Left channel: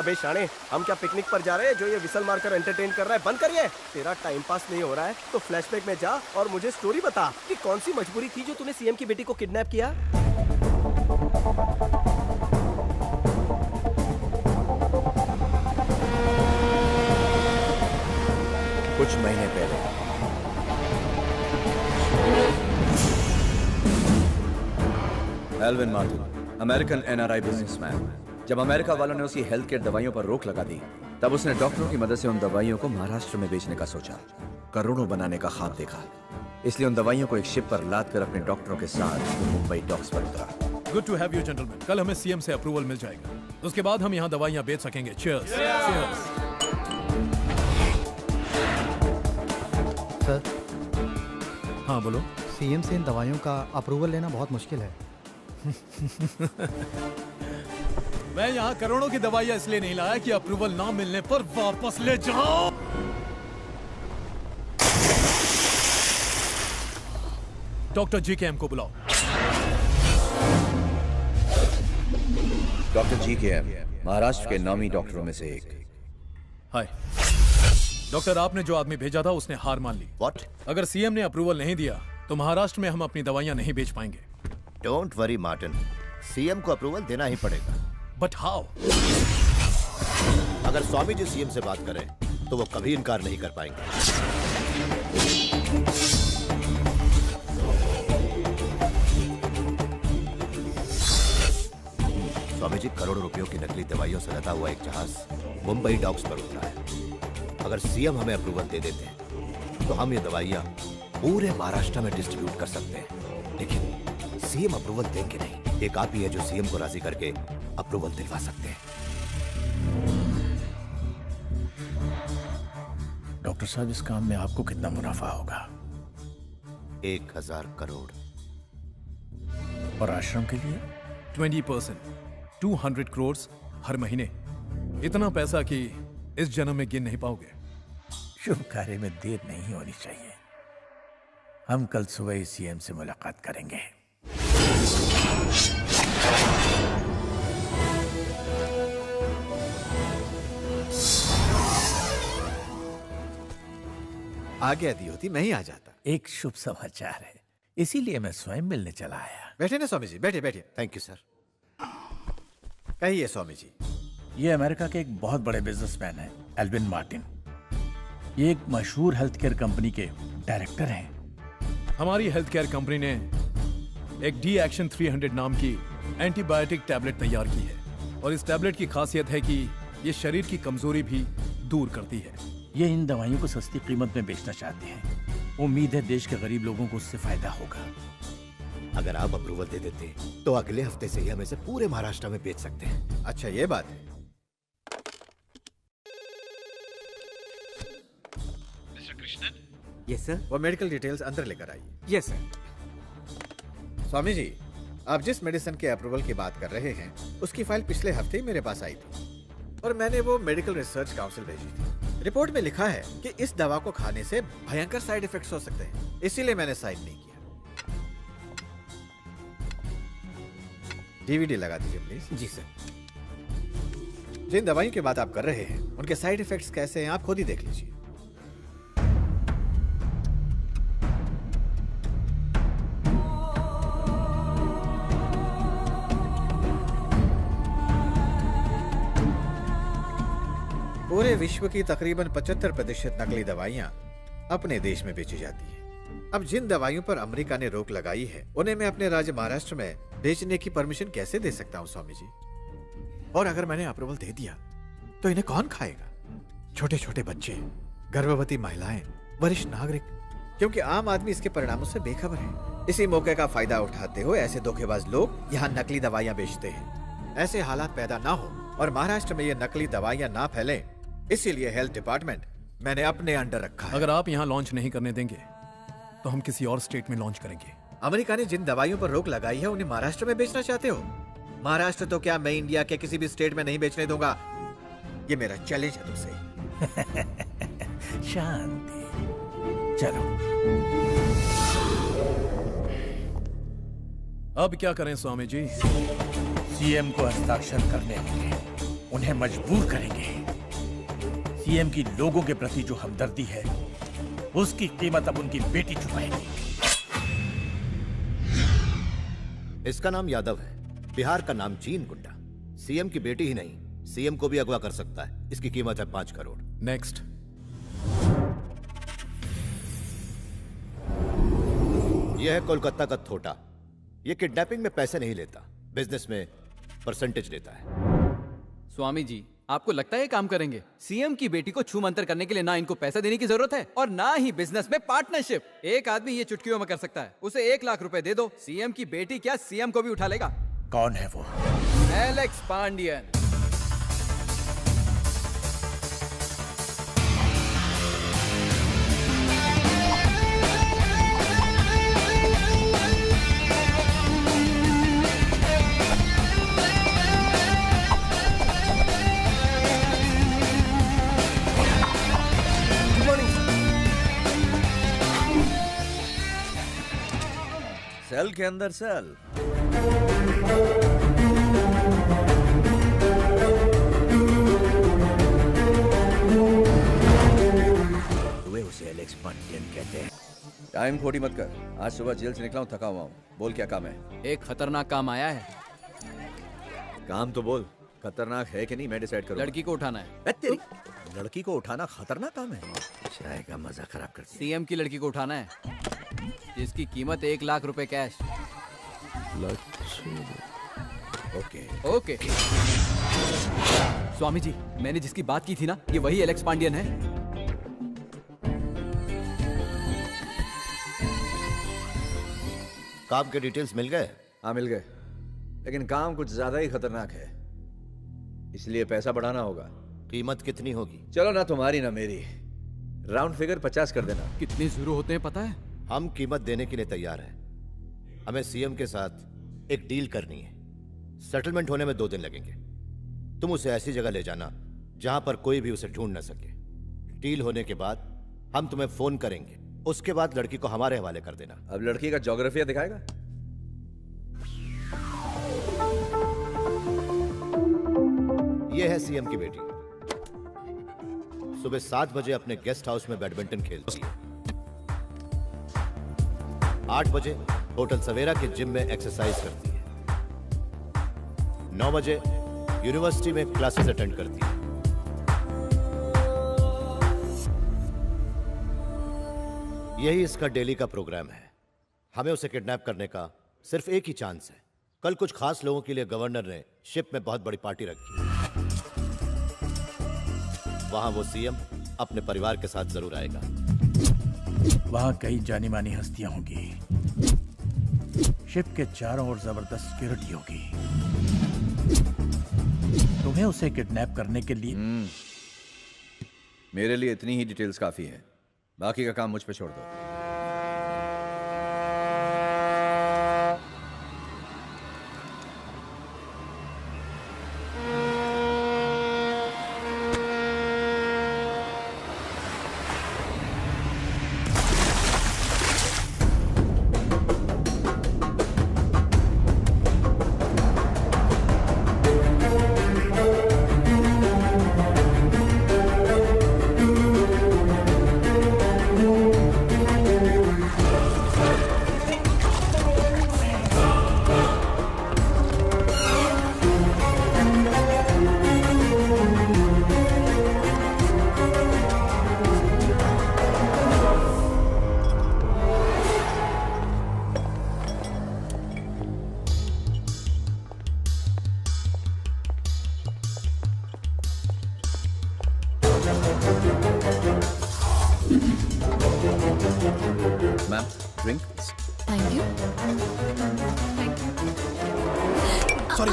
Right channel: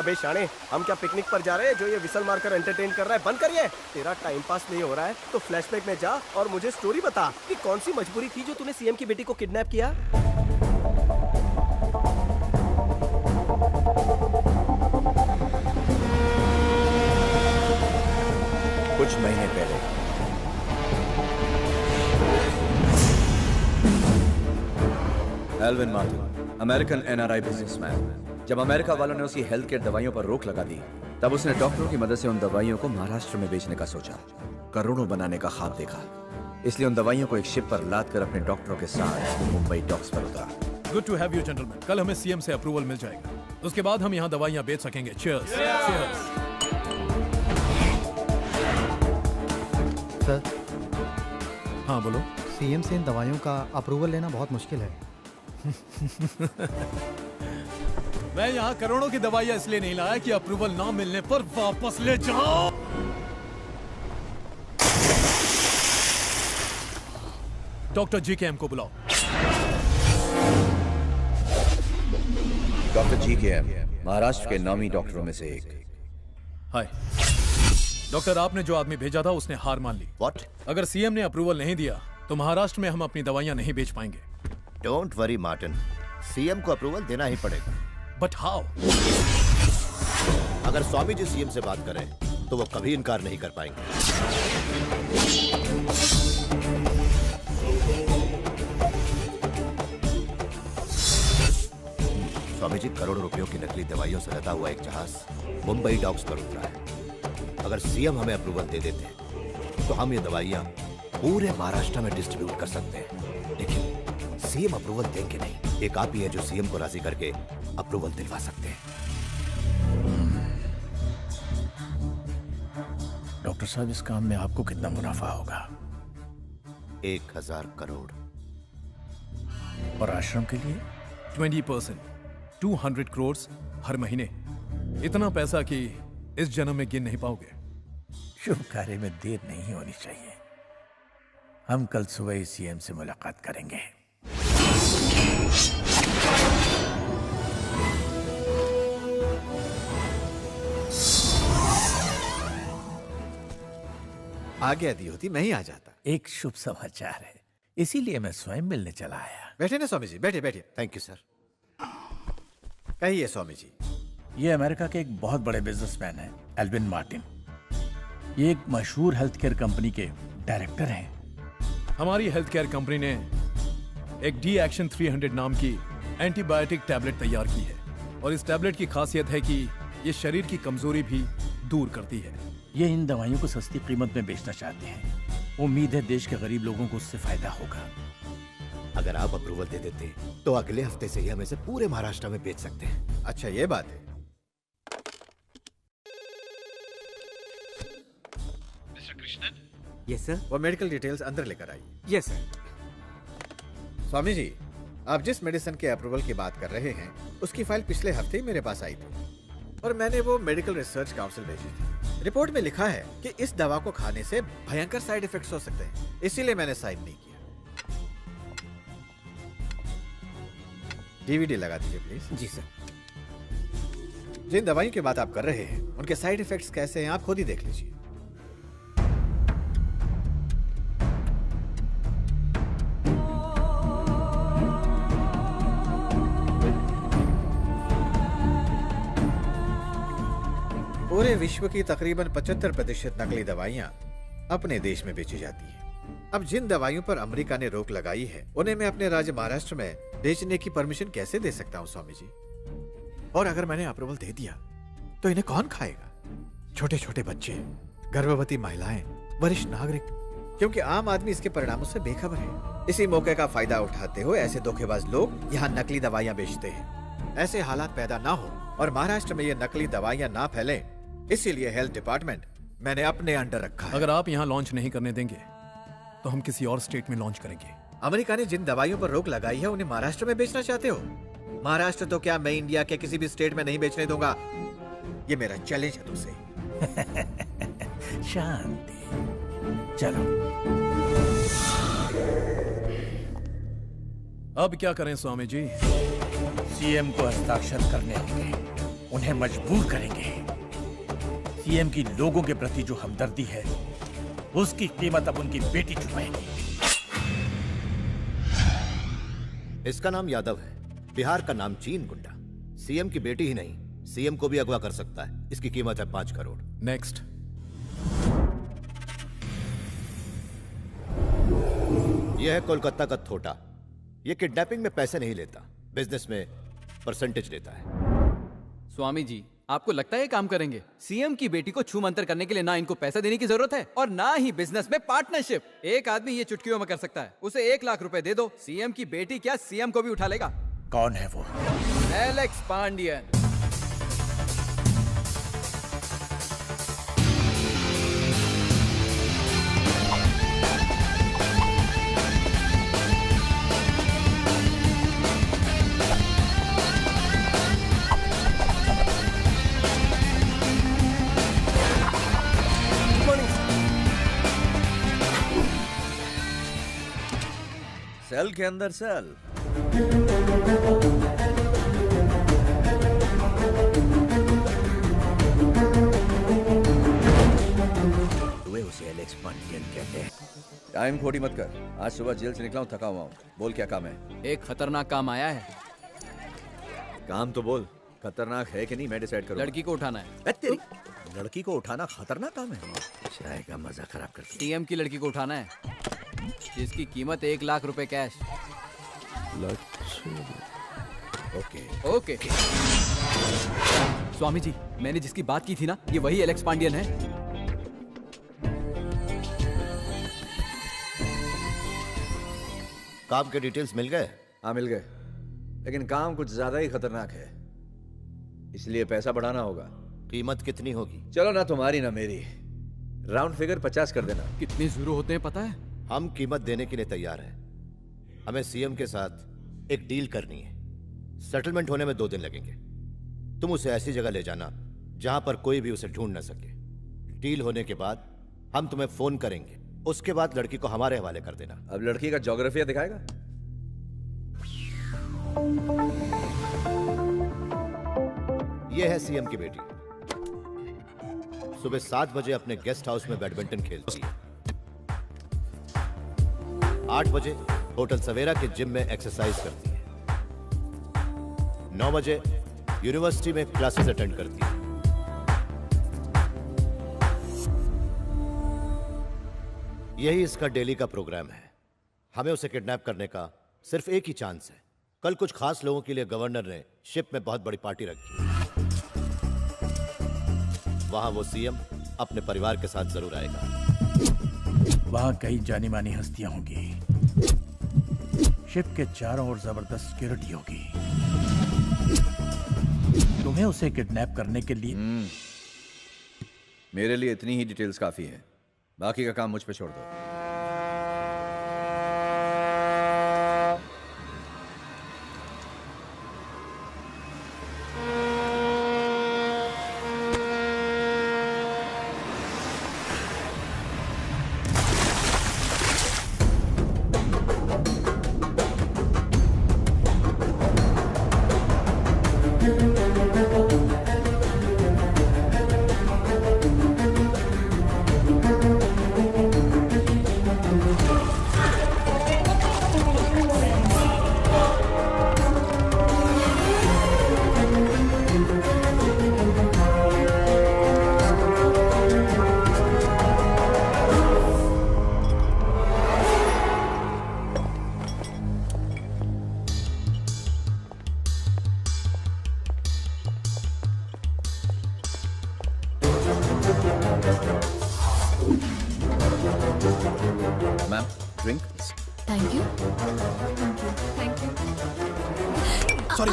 अबे शाणे, हम क्या पिकनिक पर जा रहे हैं जो ये विसल मारकर एंटरटेन कर रहा है? बंद करिए। तेरा टाइम पास नहीं हो रहा है तो फ्लैशबैक में जा और मुझे स्टोरी बता कि कौन सी मजबूरी थी जो तूने सीएम की बेटी को किडनैप किया। कुछ महीने पहले Alvin Martin, American NRI businessman, जब अमेरिका वालों ने उसकी हेल्थ केयर दवाइयों पर रोक लगा दी, तब उसने डॉक्टरों की मदद से उन दवाइयों को महाराष्ट्र में बेचने का सोचा, करोड़ों बनाने का ख्वाब देखा। इसलिए उन दवाइयों को एक शिप पर लाद कर अपने डॉक्टरों के साथ वो मुंबई डॉक्स पर उतरा। Good to have you gentleman. कल हमें सीएम से अप्रूवल मिल जाएगा, उसके बाद हम यहाँ दवाइयाँ बेच सकेंगे। चीयर्स। चीयर्स। सर, हाँ बोलो। सीएम से इन दवाइयों का अप्रूवल लेना बहुत मुश्किल है। मैं यहाँ करोड़ों की दवाइयाँ इसलिए नहीं लाया कि अप्रूवल ना मिलने पर वापस ले जाओ। डॉक्टर GKM को बुलाओ। डॉक्टर GKM महाराष्ट्र के नामी डॉक्टरों में से एक। हाय डॉक्टर, आपने जो आदमी भेजा था उसने हार मान ली। What? अगर सीएम ने अप्रूवल नहीं दिया तो महाराष्ट्र में हम अपनी दवाइयाँ नहीं बेच पाएंगे। डोंट वरी मार्टिन, सीएम को अप्रूवल देना ही पड़ेगा। But how? अगर स्वामी जी सीएम से बात करें तो वो कभी इनकार नहीं कर पाएंगे। स्वामी जी, करोड़ों रुपयों की नकली दवाइयों से लदा हुआ एक जहाज मुंबई डॉक्स पर उतरा है। अगर सीएम हमें अप्रूवल दे देते हैं तो हम ये दवाइयां पूरे महाराष्ट्र में डिस्ट्रीब्यूट कर सकते हैं। लेकिन सीएम अप्रूवल देंगे नहीं। एक आप ही है जो सीएम को राजी करके अप्रूवल दिलवा सकते हैं। डॉक्टर साहब, इस काम में आपको कितना मुनाफा होगा? 1000 करोड़। और आश्रम के लिए 20%, 200 करोड़ हर महीने। इतना पैसा कि इस जन्म में गिन नहीं पाओगे। शुभ कार्य में देर नहीं होनी चाहिए। हम कल सुबह ही सीएम से मुलाकात करेंगे। आज्ञा दी होती मैं ही आ जाता। एक शुभ समाचार है, इसीलिए मैं स्वयं मिलने चला आया। बैठे ना स्वामी जी, बैठे बैठे। Thank you sir. कहिए स्वामी जी। ये अमेरिका के एक बहुत बड़े बिजनेसमैन हैं, एल्विन मार्टिन। ये एक मशहूर हेल्थ केयर कंपनी के डायरेक्टर हैं। हमारी हेल्थ केयर कंपनी ने एक डी एक्शन 300 नाम की एंटीबायोटिक टैबलेट तैयार की है और इस टैबलेट की खासियत है कि ये शरीर की कमजोरी भी दूर करती है। ये इन दवाइयों को सस्ती कीमत में बेचना चाहते हैं। उम्मीद है देश के गरीब लोगों को उससे फायदा होगा। अगर आप अप्रूवल दे देते तो अगले हफ्ते से ही हम इसे पूरे महाराष्ट्र में बेच सकते हैं। अच्छा, ये बात है। मिस्टर कृष्णन। Yes sir. वो मेडिकल डिटेल्स अंदर लेकर आइए। Yes sir. स्वामी जी, आप जिस मेडिसिन के अप्रूवल की बात कर रहे हैं उसकी फाइल पिछले हफ्ते ही मेरे पास आई थी और मैंने वो मेडिकल रिसर्च काउंसिल भेजी थी। रिपोर्ट में लिखा है कि इस दवा को खाने से भयंकर साइड इफेक्ट्स हो सकते हैं, इसीलिए मैंने साइन नहीं किया। डीवीडी लगा दीजिए प्लीज। Ji sir. जिन दवाइयों की बात आप कर रहे हैं उनके साइड इफेक्ट्स कैसे हैं आप खुद ही देख लीजिए। पूरे विश्व की तकरीबन 75% नकली दवाइयां अपने देश में बेची जाती हैं। अब जिन दवाइयों पर अमेरिका ने रोक लगाई है उन्हें मैं अपने राज्य महाराष्ट्र में बेचने की परमिशन कैसे दे सकता हूं स्वामी जी? और अगर मैंने अप्रूवल दे दिया तो इन्हें कौन खाएगा? छोटे छोटे बच्चे, गर्भवती महिलाएं, वरिष्ठ नागरिक, क्योंकि आम आदमी इसके परिणामों से बेखबर है। इसी मौके का फायदा उठाते हुए ऐसे धोखेबाज लोग यहाँ नकली दवाइयाँ बेचते हैं। ऐसे हालात पैदा ना हो और महाराष्ट्र में ये नकली दवाइयाँ ना फैलें, इसीलिए हेल्थ डिपार्टमेंट मैंने अपने अंडर रखा है। अगर आप यहाँ लॉन्च नहीं करने देंगे तो हम किसी और स्टेट में लॉन्च करेंगे। अमेरिका ने जिन दवाइयों पर रोक लगाई है उन्हें महाराष्ट्र में बेचना चाहते हो? महाराष्ट्र तो क्या, मैं इंडिया के किसी भी स्टेट में नहीं बेचने दूंगा। ये मेरा चैलेंज है तुमसे। शांति। चलो अब क्या करें स्वामी जी? सीएम को हस्ताक्षर करने होंगे। उन्हें मजबूर करेंगे। सीएम की लोगों के प्रति जो हमदर्दी है उसकी कीमत अब उनकी बेटी चुकाएगी। इसका नाम यादव है, बिहार का नाम चीन गुंडा। सीएम की बेटी ही नहीं, सीएम को भी अगवा कर सकता है। इसकी कीमत है 5 करोड़। नेक्स्ट। यह है कोलकाता का थोटा। यह किडनैपिंग में पैसे नहीं लेता, बिजनेस में परसेंटेज लेता है। स्वामी जी, आपको लगता है ये काम करेंगे? सीएम की बेटी को छू मंतर करने के लिए ना इनको पैसा देने की जरूरत है और ना ही बिजनेस में पार्टनरशिप। एक आदमी ये चुटकियों में कर सकता है। उसे 1 लाख रुपए दे दो, सीएम की बेटी क्या सीएम को भी उठा लेगा। कौन है वो? Alex Pandian. Good morning. Cell के अंदर सेल। तुम्हें उसे एलेक्स पांडियन कहते हैं। टाइम खोटी मत कर। आज सुबह जेल से निकला हूं, थका हुआ हूं। बोल क्या काम है? एक खतरनाक काम आया है। काम तो बोल। खतरनाक है कि नहीं मैं डिसाइड करूंगा। लड़की को उठाना है। तेरी लड़की को उठाना खतरनाक काम है? चाय का मजा खराब कर दिया। सीएम की लड़की को उठाना है, जिसकी कीमत 1 लाख रुपए cash. Okay. Okay. Swami ji, मैंने जिसकी बात की थी ना, ये वही एलेक्स पांडियन है। काम के डिटेल्स मिल गए? हाँ मिल गए, लेकिन काम कुछ ज्यादा ही खतरनाक है, इसलिए पैसा बढ़ाना होगा। कीमत कितनी होगी? चलो ना तुम्हारी ना मेरी, राउंड फिगर 50 कर देना। कितने जीरो होते हैं पता है? हम कीमत देने के लिए तैयार हैं। हमें सीएम के साथ एक डील करनी है। सेटलमेंट होने में 2 दिन लगेंगे। तुम उसे ऐसी जगह ले जाना जहां पर कोई भी उसे ढूंढ न सके। डील होने के बाद हम तुम्हें फोन करेंगे, उसके बाद लड़की को हमारे हवाले कर देना। अब लड़की का ज्योग्राफिया दिखाएगा? यह है सीएम की बेटी। सुबह 7 बजे अपने गेस्ट हाउस में बैडमिंटन खेलती है। 8 बजे होटल सवेरा के जिम में एक्सरसाइज करती है। 9 बजे यूनिवर्सिटी में क्लासेस अटेंड करती है। यही इसका डेली का प्रोग्राम है। हमें उसे किडनैप करने का सिर्फ एक ही चांस है। कल कुछ खास लोगों के लिए गवर्नर ने शिप में बहुत बड़ी पार्टी रखी है। वहां वो सीएम अपने परिवार के साथ जरूर आएगा। वहां कई जानी मानी हस्तियां होंगी। शिप के चारों ओर जबरदस्त सिक्योरिटी होगी। तुम्हें उसे किडनैप करने के लिए मेरे लिए इतनी ही डिटेल्स काफी है, बाकी का काम मुझ पे छोड़ दो। Ma'am, drink. Thank you. Thank you. Sorry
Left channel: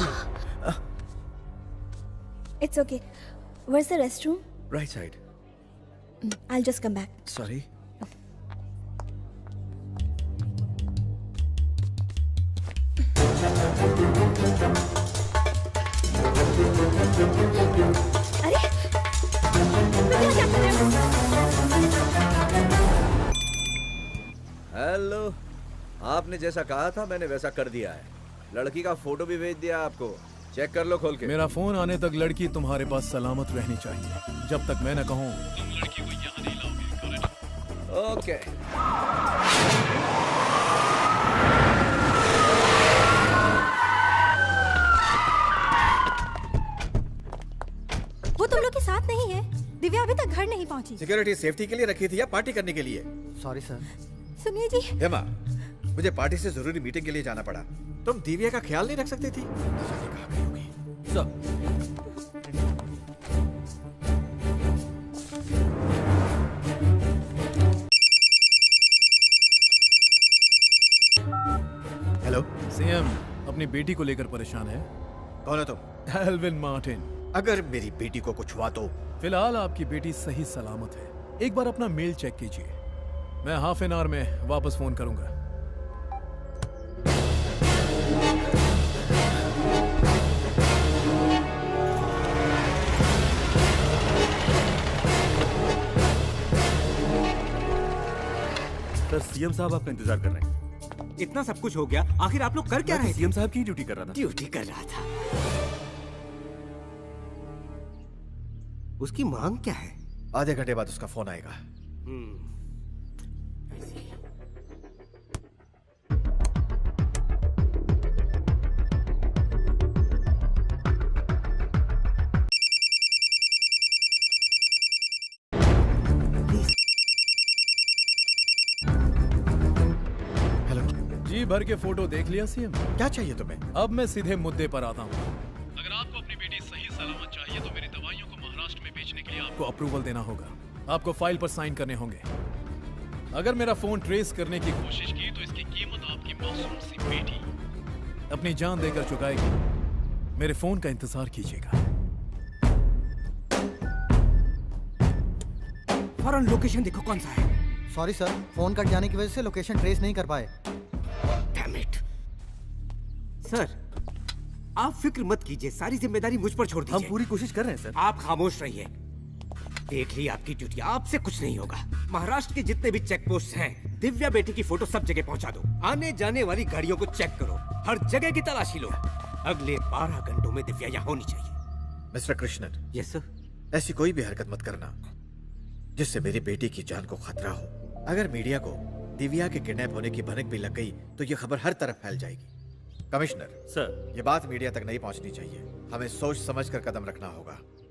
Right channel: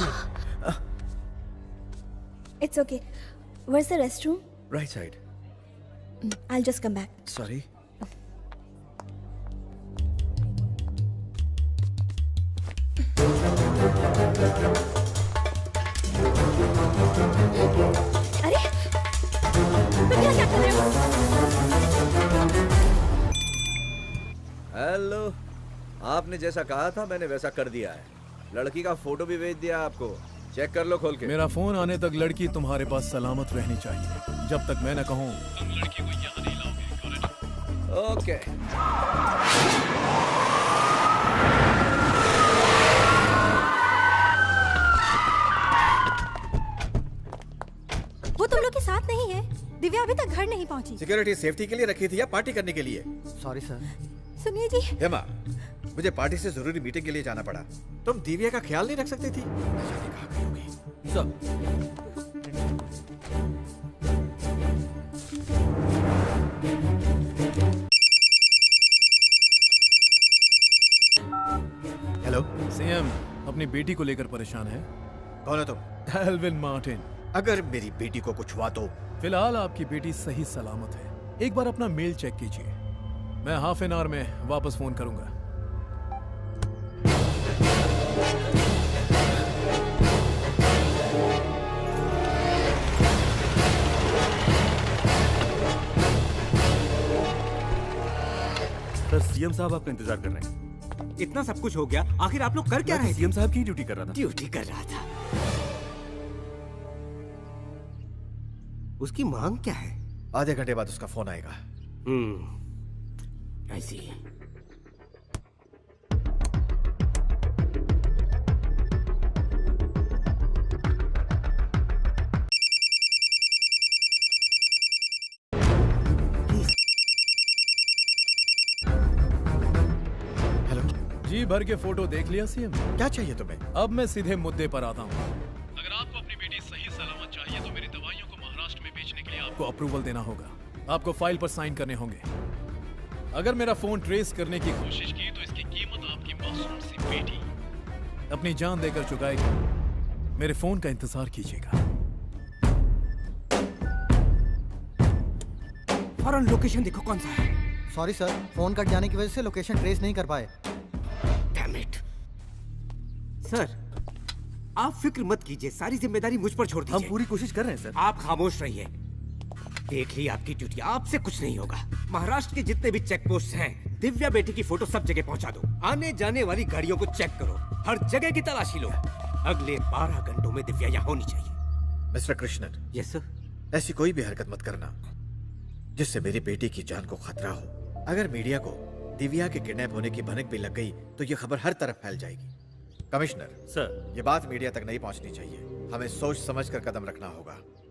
It's okay. Where's the restroom? Right side. I'll just come back. Sorry. अरे तुम यहाँ क्या कर रहे हो? हेलो, आपने जैसा कहा था मैंने वैसा कर दिया है। लड़की का फोटो भी भेज दिया आपको। चेक कर लो खोल के। मेरा फोन आने तक लड़की तुम्हारे पास सलामत रहनी चाहिए। जब तक मैं न कहूं तुम लड़की को यहाँ नहीं लाओगे। ओके। वो तुम लोग के साथ नहीं है। दिव्या अभी तक घर नहीं पहुंची। सिक्योरिटी सेफ्टी के लिए रखी थी या पार्टी करने के लिए? Sorry sir. सुनिए जी, हेमा, मुझे पार्टी से जरूरी मीटिंग के लिए जाना पड़ा। तुम दिव्या का ख्याल नहीं रख सकती थी? न जाने कहाँ गई होगी। सर, हेलो, सीएम अपनी बेटी को लेकर परेशान है। कौन हो तुम? Alvin Martin. अगर मेरी बेटी को कुछ हुआ तो? फिलहाल आपकी बेटी सही सलामत है। एक बार अपना मेल चेक कीजिए। मैं हाफ एन आवर में वापस फोन करूंगा। सर, सीएम साहब आपका इंतजार कर रहे हैं। इतना सब कुछ हो गया, आखिर आप लोग कर क्या रहे थे? सीएम साहब की ड्यूटी कर रहा था। ड्यूटी कर रहा था। उसकी मांग क्या है? आधे घंटे बाद उसका फोन आएगा। ऐसी हेलो जी भर के फोटो देख लिया सीएम। क्या चाहिए तुम्हें? अब मैं सीधे मुद्दे पर आता हूँ। अगर आपको अपनी बेटी सही सलामत चाहिए तो मेरी दवाइयों को महाराष्ट्र में बेचने के लिए आपको अप्रूवल देना होगा। आपको फाइल पर साइन करने होंगे। अगर मेरा फोन ट्रेस करने की कोशिश की तो इसकी कीमत आपकी मासूम सी बेटी अपनी जान देकर चुकाएगी। मेरे फोन का इंतजार कीजिएगा। फौरन लोकेशन देखो कौन सा है। सॉरी सर, फोन कट जाने की वजह से लोकेशन ट्रेस नहीं कर पाए। Damn it. सर, आप फिक्र मत कीजिए, सारी जिम्मेदारी मुझ पर छोड़ दीजिए। हम पूरी कोशिश कर रहे हैं सर। आप खामोश रहिए। देख ली आपकी ड्यूटी, आपसे कुछ नहीं होगा। महाराष्ट्र के जितने भी चेक पोस्ट हैं, दिव्या बेटी की फोटो सब जगह पहुंचा दो। आने जाने वाली गाड़ियों को चेक करो, हर जगह की तलाशी लो। अगले 12 घंटों में दिव्या यहाँ होनी चाहिए। मिस्टर कृष्णन। Yes sir. ऐसी कोई भी हरकत मत करना जिससे मेरी बेटी की जान को खतरा हो। अगर मीडिया को दिव्या के किडनैप होने की भनक भी लग गई तो ये खबर हर तरफ फैल जाएगी। कमिश्नर सर, ये बात मीडिया तक नहीं पहुंचनी चाहिए। हमें सोच समझकर कदम रखना होगा।